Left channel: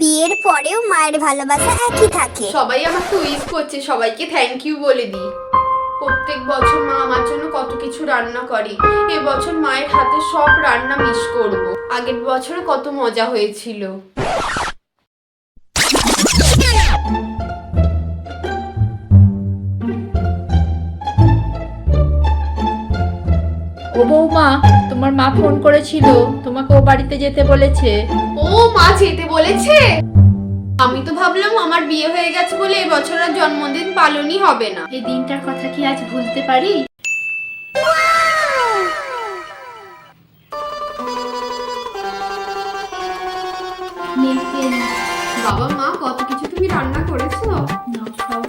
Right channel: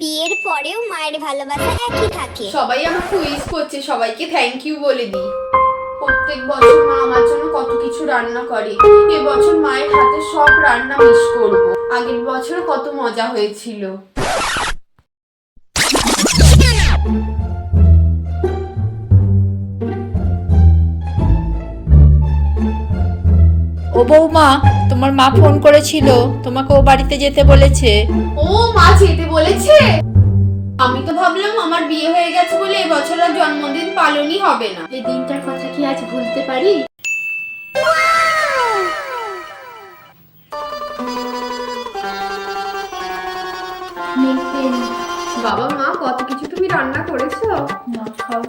বিয়ের পরেও মায়ের ভালোবাসা একই থাকে। সবাই আমাকে উইশ করছে, সবাইকে থ্যাংক ইউ বলে দিই। প্রত্যেক বছর মা আমার জন্য কত কিছু রান্না করে, এবছর মায়ের হাতে সব রান্না মিস করব। আগের বছর কত মজা হয়েছিল। ও বৌমা, তোমার মা ফোন করেছিল, তোমাকে ও বাড়িতে যেতে বলেছে। ও মা যেতে বলেছে? আমি তো ভাবলাম আমার বিয়ে হয়ে গেছে বলে এবছর আর জন্মদিন পালনই হবে না। এই দিনটার কথা কি আজ ভুলতে পারি? বাবা মা কত কিছু তুমি রান্না করেছো। না, খাও।